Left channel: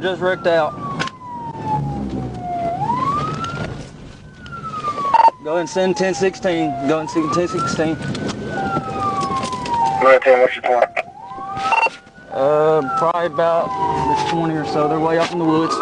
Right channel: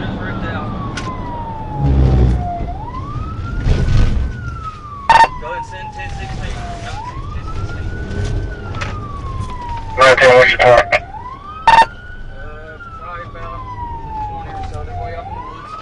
Just wrecked out. Go ahead and send 1016. Go ahead and send 1016. Probably about 20 or so. They're way off in the woods.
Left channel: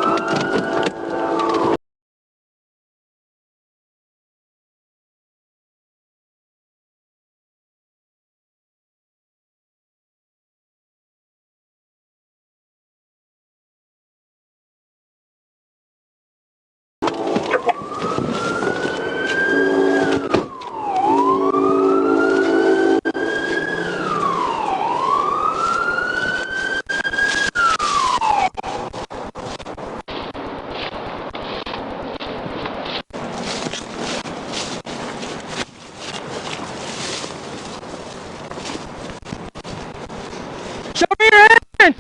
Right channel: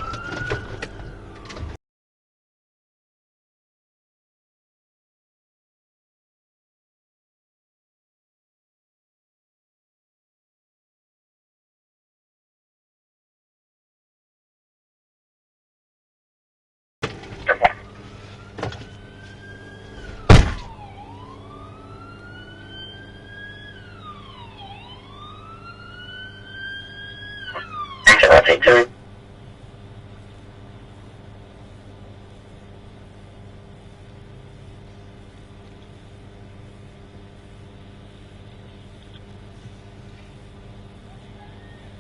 Show me your hands!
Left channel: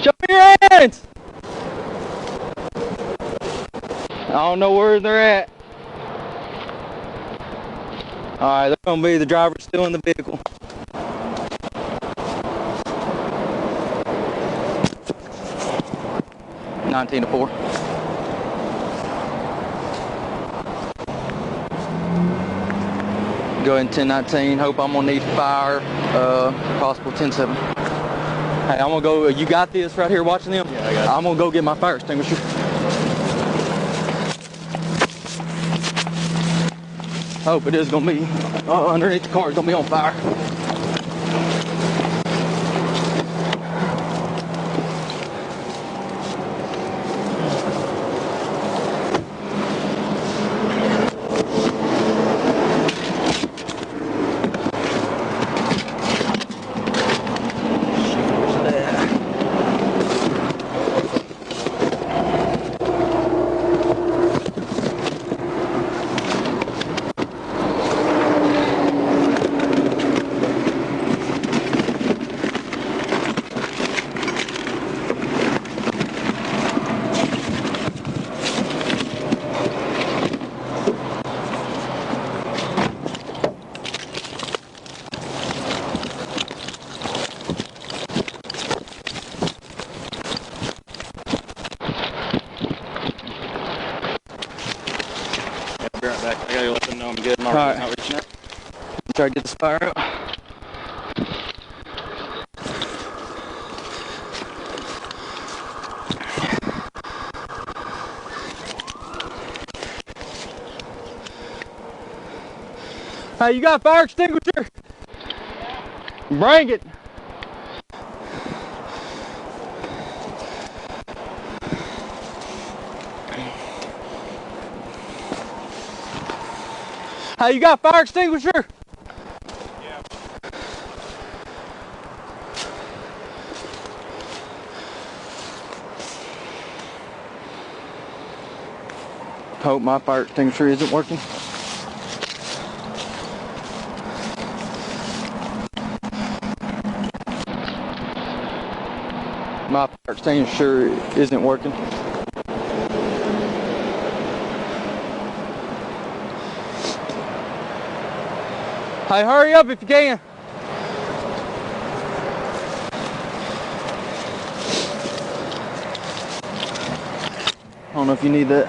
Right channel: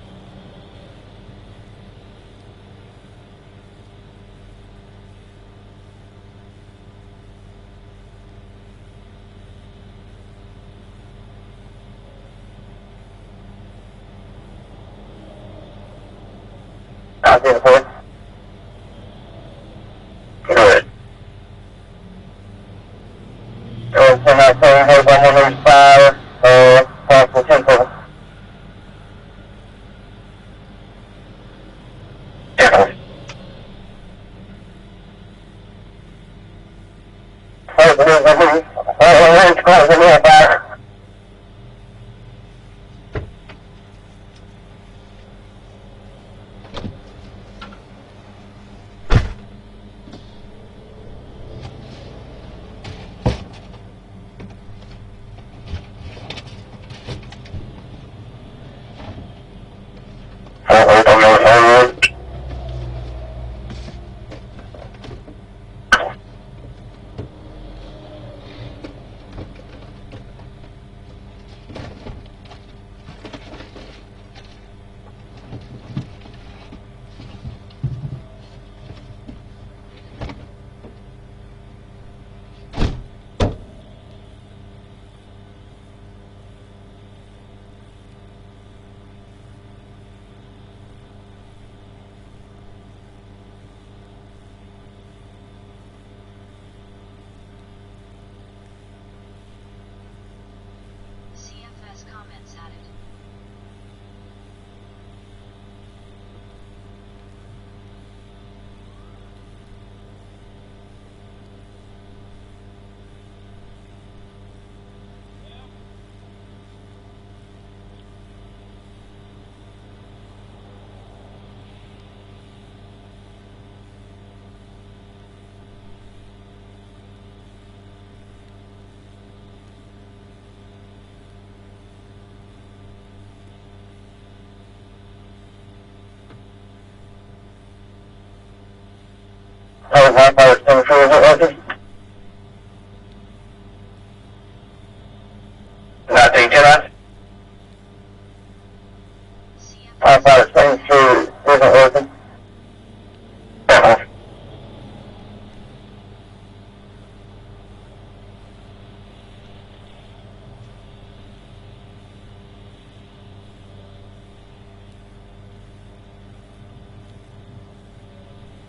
Show me your hands! I don't know where they're at. Alright, they're gonna be the driver still in the vehicle. Go ahead and 1019, Hey, I'm gonna go, you got this right here watching them? Yeah, I got it. I'm gonna go get my fire extinguisher. Hope it is. Be right back. I gotta let them know I'm good. Alright. Not reaching out. Try to get this fire out. Hey, you got a fire extinguisher? Bring it. Hey, you got a fire extinguisher? Yeah. Hope my fire extinguisher is extinguisher isn't working. Hey, hurry up if you can. I don't know if you need that.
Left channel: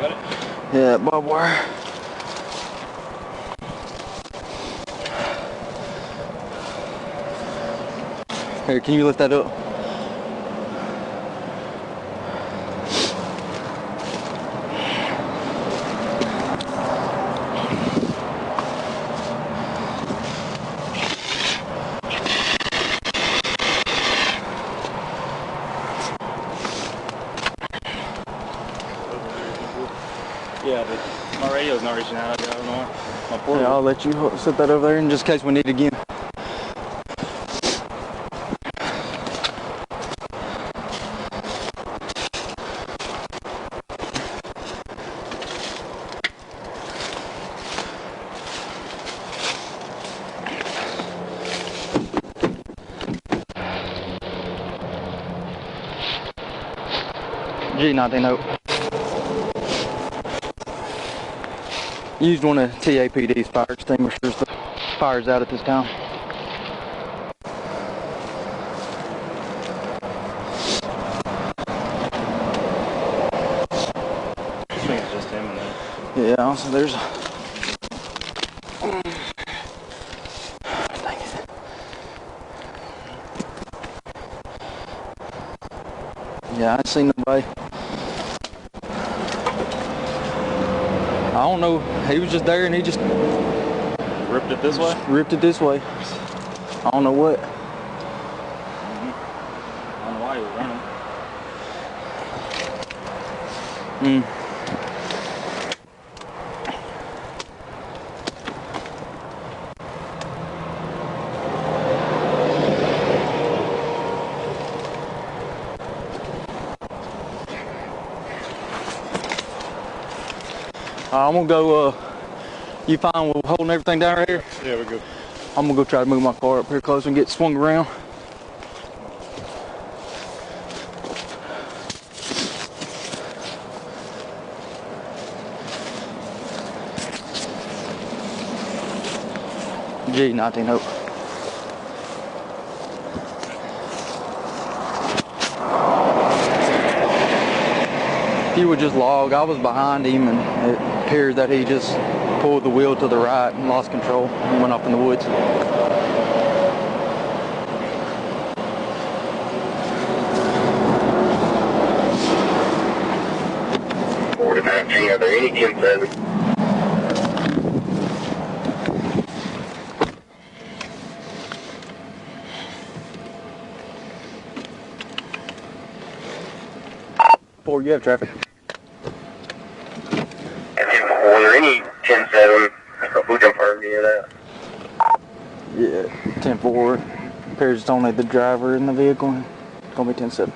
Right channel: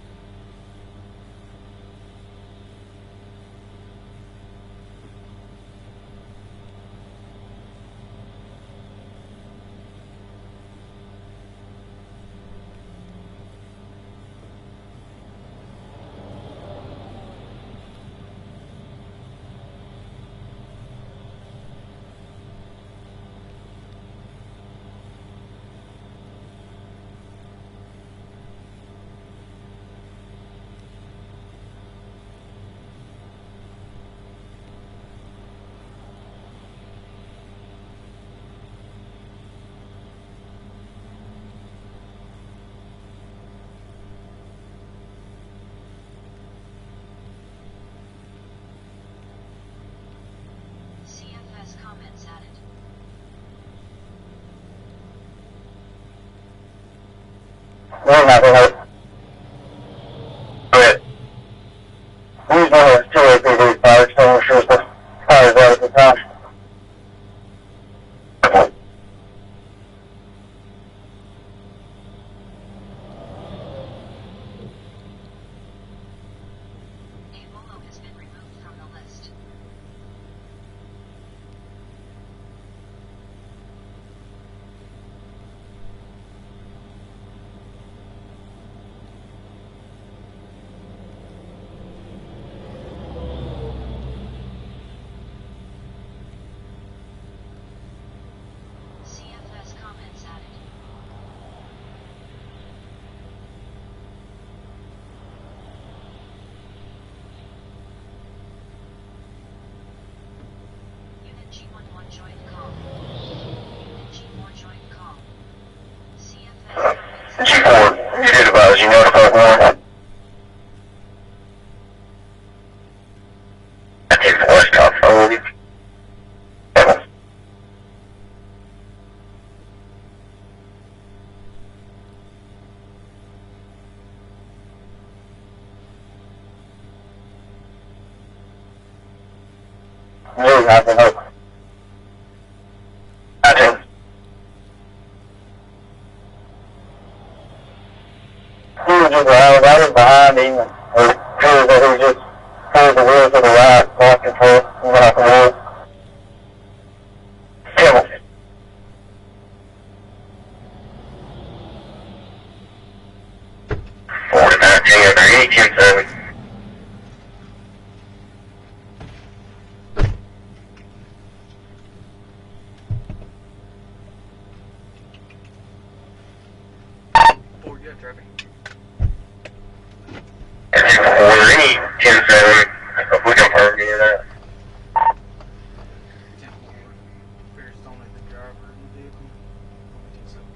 Got it? Yeah, barbed wire. Here, can you lift that up? Yeah, but my radio's not reaching out. I don't know. My Yeah, portable. I'll let you set that over there in just in case we need it again. G9. Used one of the CAPD's fires out at the time. I think it's just him and that. Yeah, also there's dang it. Yeah, I ain't seen nobody. I don't know. He was just there and he just Ripped it this way? ripped it this way. I don't know what. I don't know why he was running. 4, advise you notify 1. I'm gonna go, you fine with holding everything down here? I'm gonna go try to move my car up here first and get swung around. Gee, no. If you would just behind me, here, there, just pull the wheel to the right, control, coming off the woods. Or you have traffic. Yeah, 10-4. Appears it's only the driver in the vehicle. It's gonna be 10-7.